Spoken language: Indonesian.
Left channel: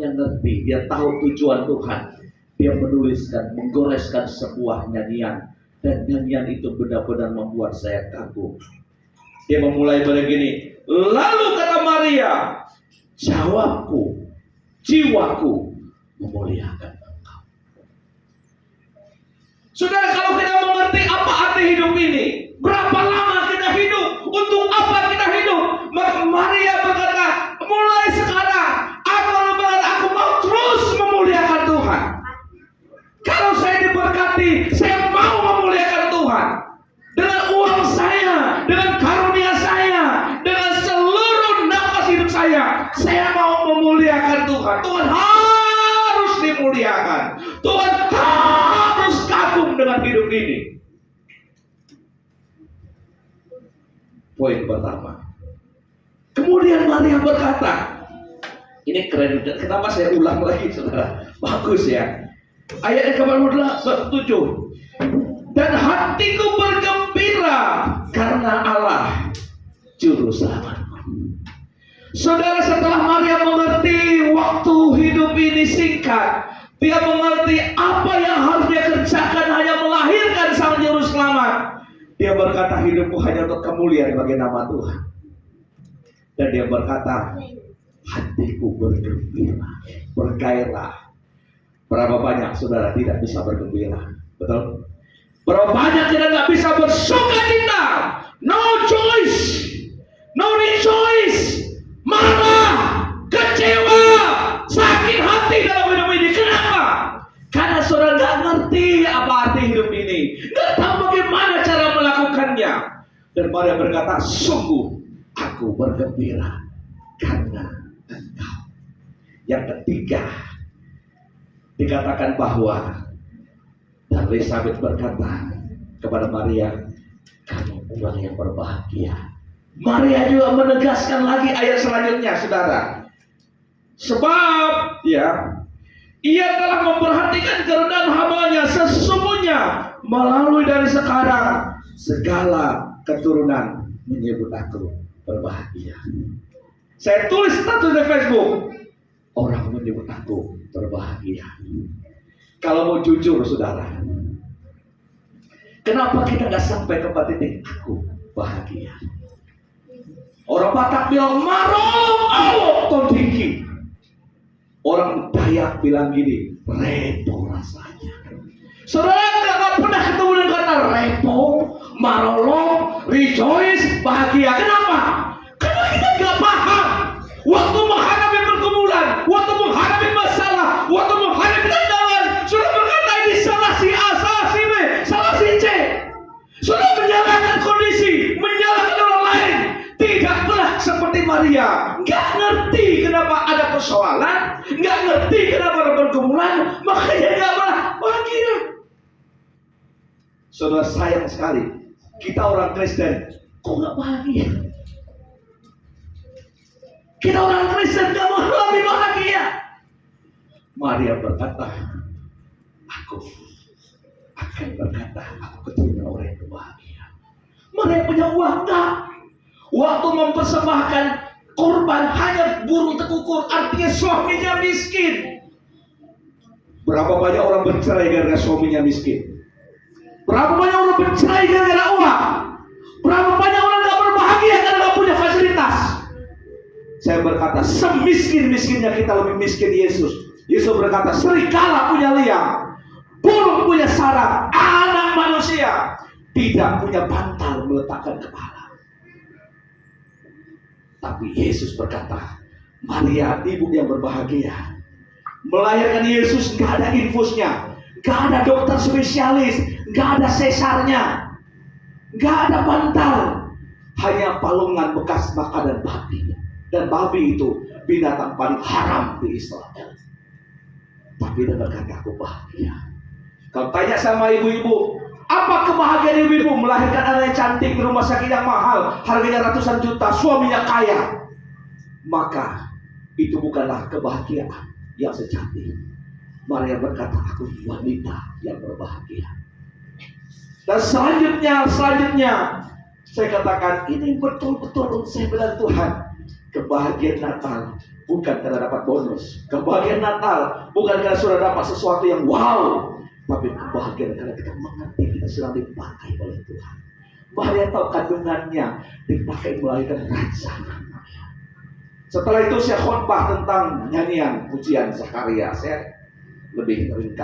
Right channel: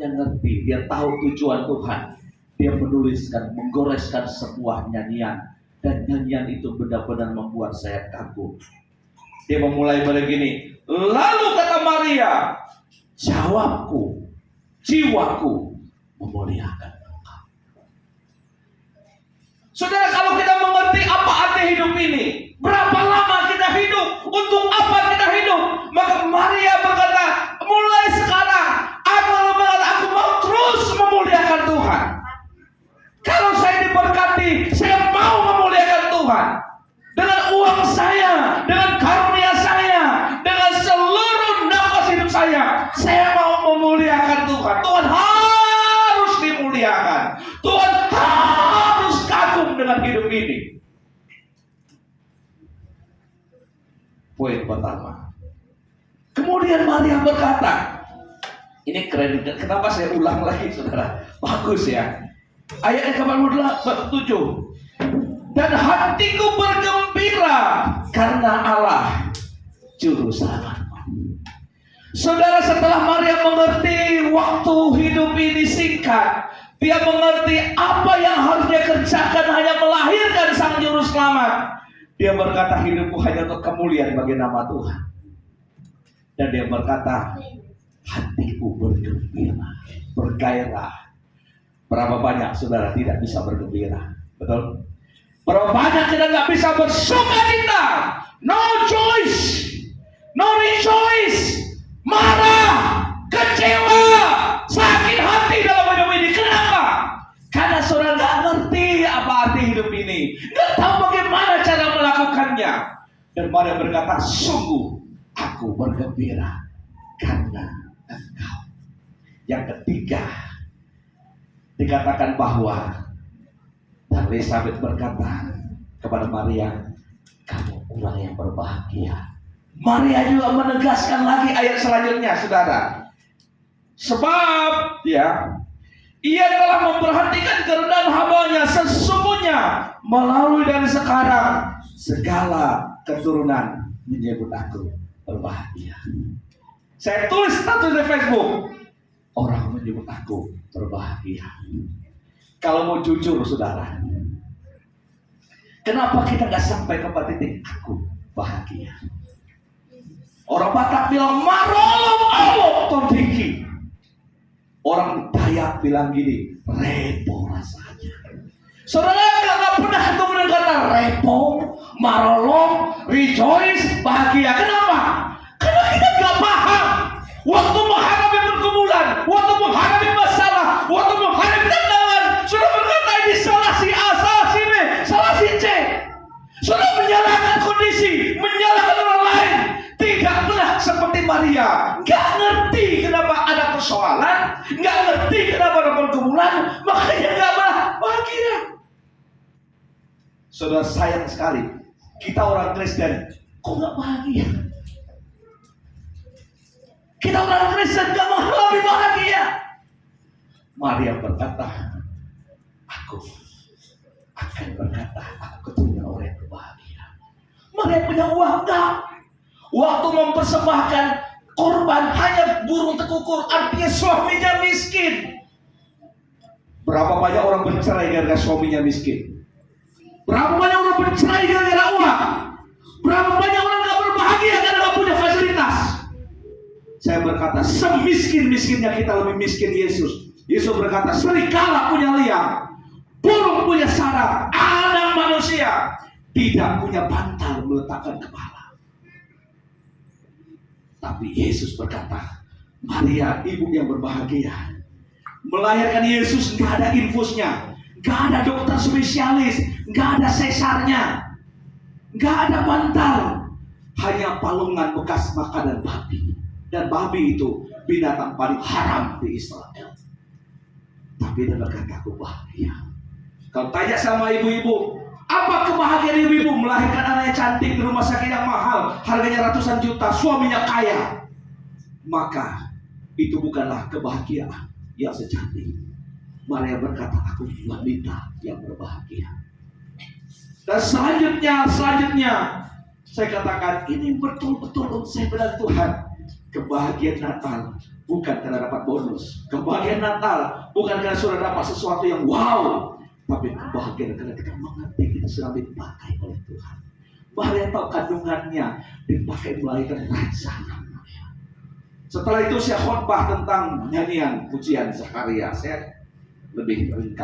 yang ngerti, dia tahu tujuan Tuhan. Dia menuliskan, menggoreskan sebuah nyanyian, dan nyanyian itu benar-benar membuat saya kagum. Dia memulai begini, lalu kata Maria, jawabku, jiwaku memuliakan Engkau. Saudara, kalau kita mengerti apa arti hidup ini, berapa lama kita hidup, untuk apa kita hidup, maka Maria berkata, mulai sekarang aku mau terus memuliakan Tuhan. Kalau saya diberkati, saya mau memuliakan Tuhan. Dengan uang saya, dengan karunia saya, dengan seluruh nafas hidup saya mau memuliakan Tuhan. Tuhan harus dimuliakan. Tuhan harus kagum dengan hidup ini. Poin pertama. Kemudian Maria berkata, ini keren, kenapa saya ulang lagi saudara? Bagus ya. Ayat yang ke-47, dan hatiku bergembira karena Allah juru selamatku. Saudara, setelah Maria mengerti waktu hidup ini singkat, dia mengerti apa yang harus dia kerjakan hanya melahirkan sang juru selamat. Dia berkata, hidupku hanya untuk kemuliaan bagi nama Tuhan. Dan dia berkata, hatiku bergembira, bergairah. Berapa banyak saudara tidak bisa bergembira? Betul? Berapa banyak kita tidak bisa bersuka cita? No choice, no rejoice, marah, kecewa, sakit hati dalam hidup ini. Kenapa? Karena saudara tidak ngerti apa arti hidup ini, tidak tahu bagaimana cara melakukannya. Dan Maria berkata, sungguh aku bergembira karena Engkau. Yang ketiga, dikatakan bahwa, dan Elizabeth berkata kepada Maria, kamu orang yang berbahagia. Maria juga menegaskan lagi ayat selanjutnya, saudara. Sebab ia telah memperhatikan kerendahan hamba-Nya, sesungguhnya melalui dari sekarang segala keturunan menyebut aku berbahagia. Saya tulis status di Facebook, orang menyebut aku berbahagia. Kalau mau jujur saudara, kenapa kita gak sampai kepada titik aku bahagia? Orang Batak bilang marolong alok tondiki. Orang Dayak bilang gini, repo rasanya. Saudara gak pernah ketemu dengan kata repo, marolong, rejoice, bahagia. Kenapa? Karena kita gak paham. Waktu menghadapi pergumulan, waktu menghadapi masalah, waktu menghadapi tantangan, sudah berkata ini salah si A, salah si B, salah si C. Sudah menyalahkan kondisi, menyalahkan orang lain. Tidak pernah seperti Maria, nggak ngerti kenapa ada persoalan, nggak ngerti kenapa ada pergumulan, makanya nggak bahagia. Saudara, sayang sekali kita orang Kristen kok nggak bahagia. Kita orang Kristen gak mau lebih bahagia. Maria berkata, aku akan berkata, aku keturunan orang yang berbahagia. Maria punya uang enggak? Waktu mempersembahkan korban hanya burung tekukur, artinya suaminya miskin. Berapa banyak orang bercerai gara-gara suaminya miskin? Berapa banyak orang bercerai gara-gara uang? Berapa banyak orang gak berbahagia karena gak punya fasilitas? Saya berkata, semiskin-miskinnya kita lebih miskin Yesus. Yesus berkata, serigala punya liang, burung punya sarang, anak manusia tidak punya bantal meletakkan kepala. Tapi Yesus berkata, Maria ibu yang berbahagia. Melahirkan Yesus gak ada infusnya, gak ada dokter spesialis, gak ada sesarnya, gak ada bantal, hanya palungan bekas makanan babi. Dan babi itu binatang paling haram di Israel. Tapi dia berkata, aku bahagia. Kalau tanya sama ibu-ibu, apa kebahagiaan ibu-ibu? Melahirkan anak yang cantik di rumah sakit yang mahal, harganya ratusan juta, suaminya kaya. Maka itu bukanlah kebahagiaan yang sejati. Maria berkata, aku wanita yang berbahagia. Dan selanjutnya saya katakan, ini betul-betul saya bilang Tuhan, kebahagiaan Natal bukan karena dapat bonus. Kebahagiaan Natal bukan karena sudah dapat sesuatu yang wow, tapi kebahagiaan karena kita mengerti kita sedang dipakai oleh Tuhan. Maria tahu kandungannya dipakai melahirkan raja namanya. Setelah itu saya khotbah tentang nyanyian pujian Zakaria. Saya lebih ringkas.